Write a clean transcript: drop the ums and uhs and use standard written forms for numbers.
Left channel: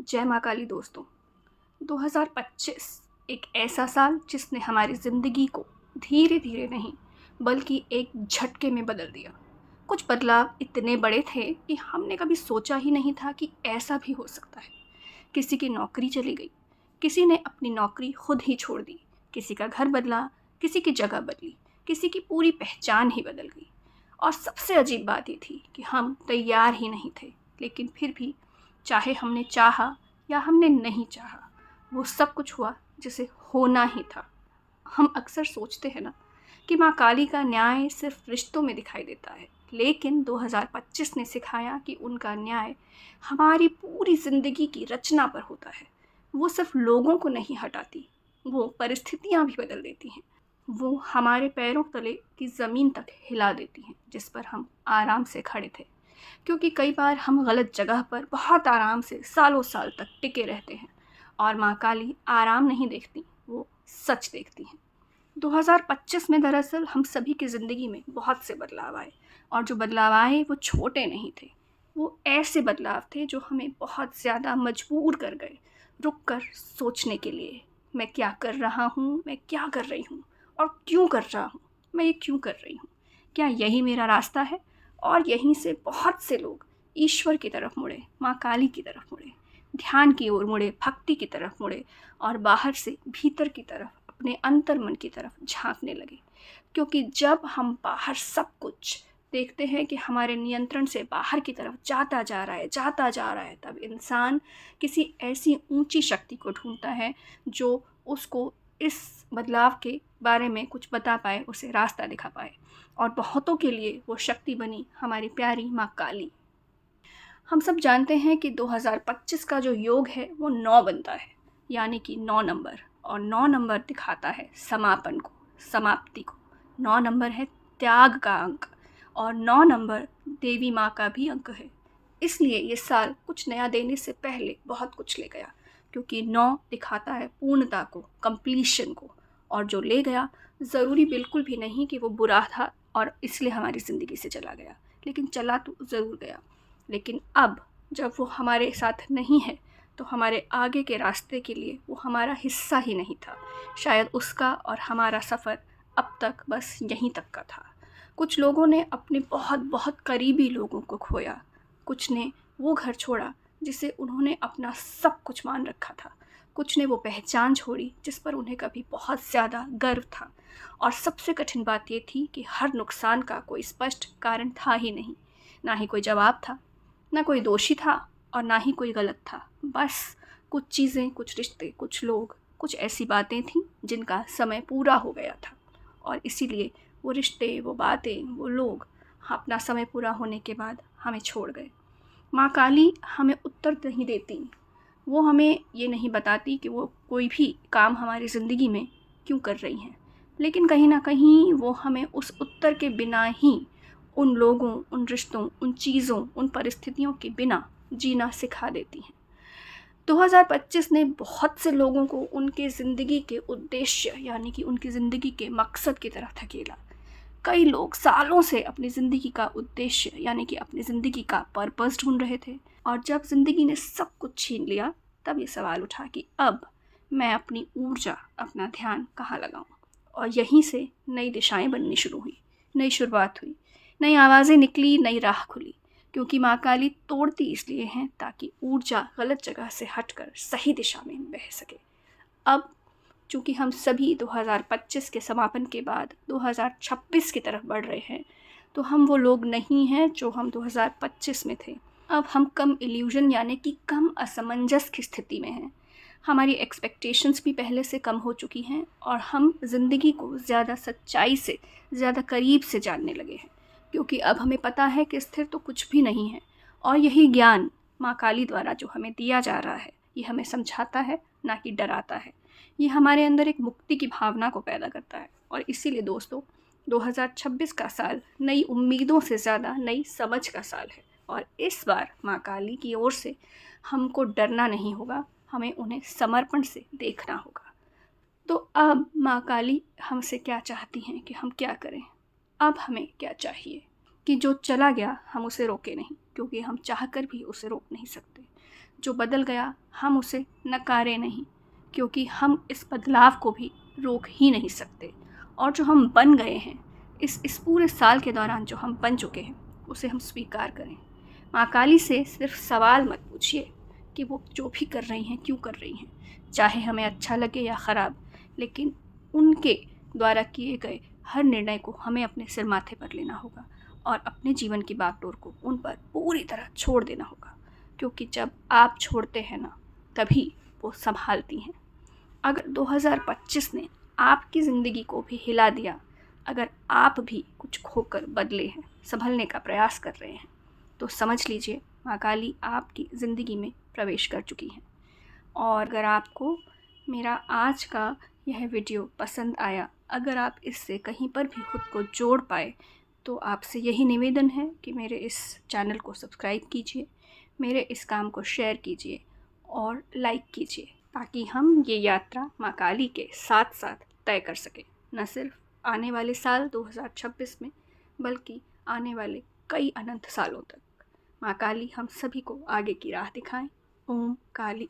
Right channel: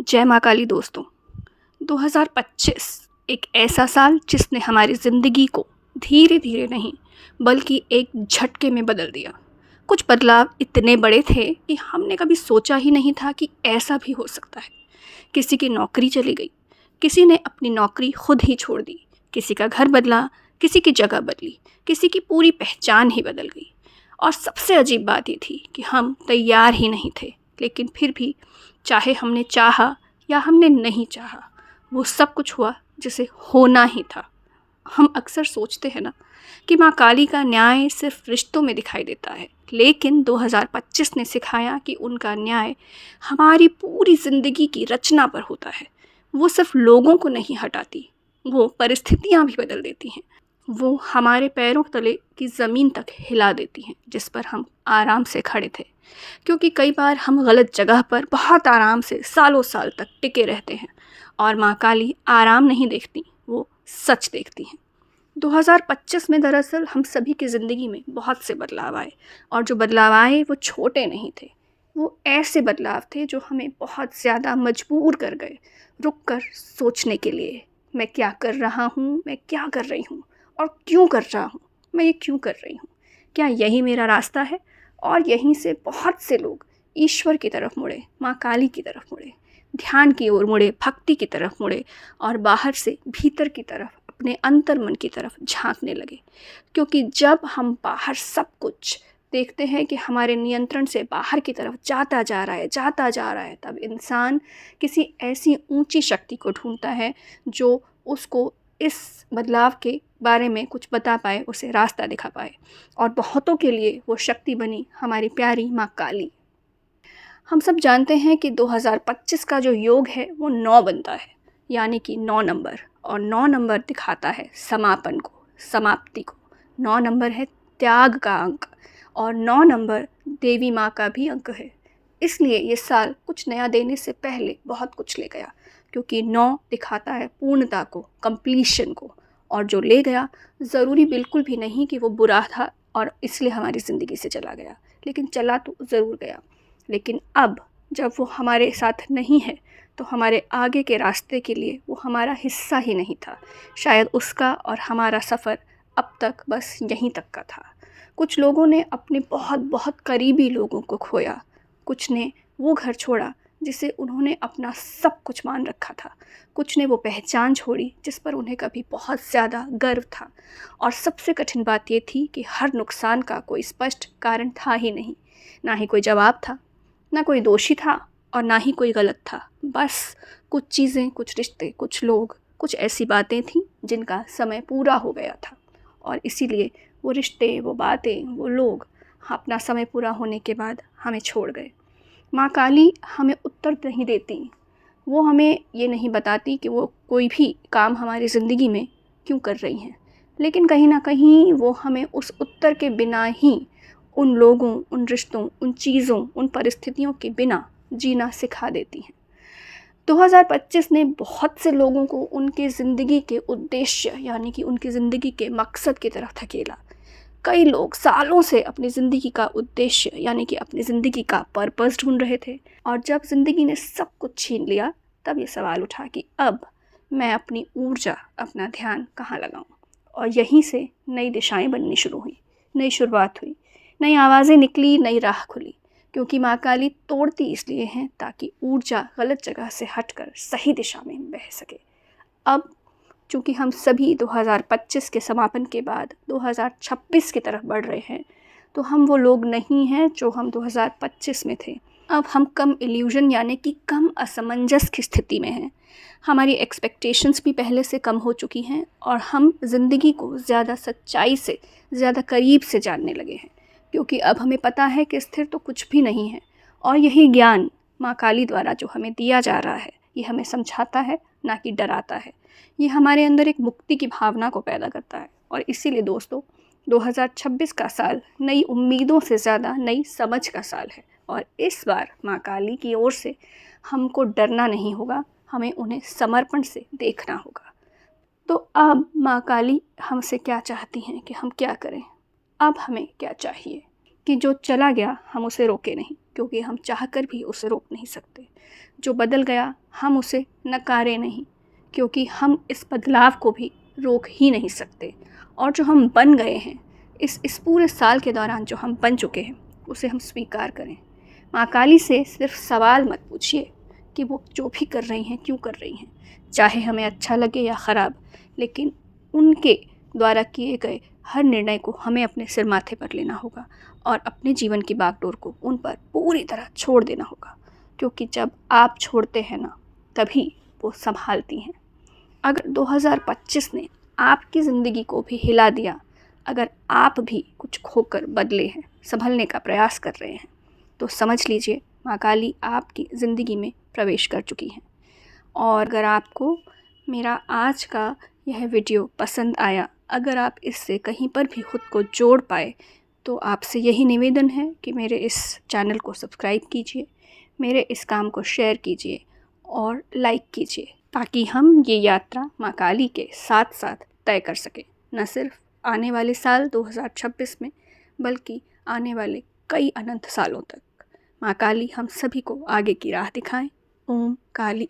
जय माँ काली दोस्तों। 2025 एक ऐसा साल जिसने हमारी ज़िंदगी को धीरे धीरे नहीं बल्कि एक झटके में बदल दिया। कुछ बदलाव इतने बड़े थे कि हमने कभी सोचा ही नहीं था कि ऐसा भी हो सकता है। किसी की नौकरी चली गई, किसी ने अपनी नौकरी खुद ही छोड़ दी, किसी का घर बदला, किसी की जगह बदली, किसी की पूरी पहचान ही बदल गई। और सबसे अजीब बात ये थी कि हम तैयार ही नहीं थे, लेकिन फिर भी चाहे हमने चाहा या हमने नहीं चाहा, वो सब कुछ हुआ जिसे होना ही था। हम अक्सर सोचते हैं ना कि माँ काली का न्याय सिर्फ रिश्तों में दिखाई देता है, लेकिन 2025 ने सिखाया कि उनका न्याय हमारी पूरी ज़िंदगी की रचना पर होता है। वो सिर्फ लोगों को नहीं हटाती, वो परिस्थितियाँ भी बदल देती हैं। वो हमारे पैरों तले की ज़मीन तक हिला देती हैं जिस पर हम आराम से खड़े थे। क्योंकि कई बार हम गलत जगह पर बहुत आराम से सालों साल तक टिके रहते हैं, और माँ काली आराम नहीं देखती, वो सच देखती हैं। 2025 में दरअसल हम सभी की ज़िंदगी में बहुत से बदलाव आए, और जो बदलाव आए वो छोटे नहीं थे। वो ऐसे बदलाव थे जो हमें बहुत ज़्यादा मजबूर कर गए, रुक कर सोचने के लिए। मैं क्या कर रहा हूँ, मैं क्या कर रही हूँ, और क्यों कर रहा हूँ, मैं ये क्यों कर रही हूँ, क्या यही मेरा रास्ता है? और यहीं से बहुत से लोग ईश्वर की तरफ मुड़े, माँ काली की तरफ मुड़े, ध्यान की ओर मुड़े, भक्ति की तरफ मुड़े, और बाहर से भीतर की तरफ, अपने अंतर मन की तरफ झांकने लगे। क्योंकि जब हम बाहर सब कुछ देखते हैं कि हमारे नियंत्रण से बाहर की तरफ जाता जा रहा है, जाता जा रहा है, तब इंसान किसी ऐसी ऊंची शक्ति को ढूंढता है जो उसको इस बदलाव के बारे में कुछ बता पाए, उसे रास्ता दिखा पाए। और बहुतों के लिए वो शक्ति बनी हमारी प्यारी माँ काली। हम सब जानते हैं कि 2025 का जो योग है वो 9 बनता है, यानी कि 9 नंबर। और 9 नंबर दिखाता है समापन को, समाप्ति को। 9 नंबर है त्याग का अंक, और 9 नंबर देवी माँ का भी अंक है। इसलिए ये साल कुछ नया देने से पहले बहुत कुछ ले गया, क्योंकि 9 दिखाता है पूर्णता को, कंप्लीशन को। और जो ले गया, ज़रूरी बिल्कुल भी नहीं कि वो बुरा था और इसलिए हमारी ज़िंदगी से चला गया, लेकिन चला तो ज़रूर गया। लेकिन अब जब वो हमारे साथ नहीं है, तो हमारे आगे के रास्ते के लिए वो हमारा हिस्सा ही नहीं था। शायद उसका और हमारा सफ़र अब तक बस यहीं तक का था। कुछ लोगों ने अपने बहुत बहुत करीबी लोगों को खोया, कुछ ने वो घर छोड़ा जिसे उन्होंने अपना सब कुछ मान रखा था, कुछ ने वो पहचान छोड़ी जिस पर उन्हें कभी बहुत ज़्यादा गर्व था। और सबसे कठिन बात ये थी कि हर नुकसान का कोई स्पष्ट कारण था ही नहीं, ना ही कोई जवाब था, ना कोई दोषी था, और ना ही कोई गलत था। बस कुछ चीज़ें, कुछ रिश्ते, कुछ लोग, कुछ ऐसी बातें थीं जिनका समय पूरा हो गया था, और इसीलिए वो रिश्ते, वो बातें, वो लोग अपना समय पूरा होने के बाद हमें छोड़ गए। माँ काली हमें उत्तर नहीं देती, वो हमें ये नहीं बताती कि वो कोई भी काम हमारी ज़िंदगी में क्यों कर रही हैं, लेकिन कहीं ना कहीं वो हमें उस उत्तर के बिना ही, उन लोगों, उन रिश्तों, उन चीज़ों, उन परिस्थितियों के बिना जीना सिखा देती हैं। 2025 ने बहुत से लोगों को उनके ज़िंदगी के उद्देश्य, यानी कि उनकी ज़िंदगी के मकसद की तरफ धकेला। कई लोग सालों से अपनी ज़िंदगी का उद्देश्य, यानी कि अपनी ज़िंदगी का पर्पस ढूंढ रहे थे, और जब ज़िंदगी ने सब कुछ छीन लिया, तब ये सवाल उठा कि अब मैं अपनी ऊर्जा, अपना ध्यान कहाँ लगाऊं। और यहीं से नई दिशाएं बननी शुरू हुई, नई शुरुआत हुई, नई आवाज़ें निकली, नई राह खुली। क्योंकि माँ काली तोड़ती इसलिए हैं ताकि ऊर्जा गलत जगह से हटकर सही दिशा में बह सके। अब चूँकि हम सभी 2025 के समापन के बाद 2026 की तरफ बढ़ रहे हैं, तो हम वो लोग नहीं हैं जो हम 2025 में थे। अब हम कम इल्यूजन, यानी कि कम असमंजस की स्थिति में हैं। हमारी एक्सपेक्टेशंस भी पहले से कम हो चुकी हैं, और हम ज़िंदगी को ज़्यादा सच्चाई से, ज़्यादा करीब से जानने लगे हैं। क्योंकि अब हमें पता है कि स्थिर तो कुछ भी नहीं है, और यही ज्ञान माँ काली द्वारा जो हमें दिया जा रहा है, ये हमें समझाता है, ना कि डराता है। ये हमारे अंदर एक मुक्ति की भावना को पैदा करता है। और इसीलिए दोस्तों, 2026 का साल नई उम्मीदों से ज़्यादा नई समझ का साल है। और इस बार माँ काली की ओर से हमको डरना नहीं होगा, हमें उन्हें समर्पण से देखना होगा। तो अब माँ काली हमसे क्या चाहती हैं कि हम क्या करें? अब हमें क्या चाहिए कि जो चला गया हम उसे रोके नहीं, क्योंकि हम चाहकर भी उसे रोक नहीं सकते। जो बदल गया हम उसे नकारें नहीं, क्योंकि हम इस बदलाव को भी रोक ही नहीं सकते। और जो हम बन गए हैं, इस पूरे साल के दौरान जो हम बन चुके हैं, उसे हम स्वीकार करें। माँ काली से सिर्फ सवाल मत पूछिए कि वो जो भी कर रही हैं क्यों कर रही हैं, चाहे हमें अच्छा लगे या ख़राब, लेकिन उनके द्वारा किए गए हर निर्णय को हमें अपने सिर माथे पर लेना होगा और अपने जीवन की बागडोर को उन पर पूरी तरह छोड़ देना होगा, क्योंकि जब आप छोड़ते हैं ना, तभी वो संभालती हैं। अगर 2025 ने आपकी ज़िंदगी को भी हिला दिया, अगर आप भी कुछ खोकर बदले हैं, संभलने का प्रयास कर रहे हैं, तो समझ लीजिए माँ काली आपकी ज़िंदगी में प्रवेश कर चुकी हैं। और अगर आपको मेरा आज का यह वीडियो पसंद आया, अगर आप इससे कहीं पर भी खुद को जोड़ पाए, तो आपसे यही निवेदन है कि मेरे इस चैनल को सब्सक्राइब कीजिए, मेरे इस काम को शेयर कीजिए और लाइक कीजिए, ताकि हम ये यात्रा माँ काली के साथ साथ तय कर सकें, न सिर्फ आने वाले साल 2026 में, बल्कि आने वाले कई अनंत सालों तक। माँ काली हम सभी को आगे की राह दिखाएं। ओम काली।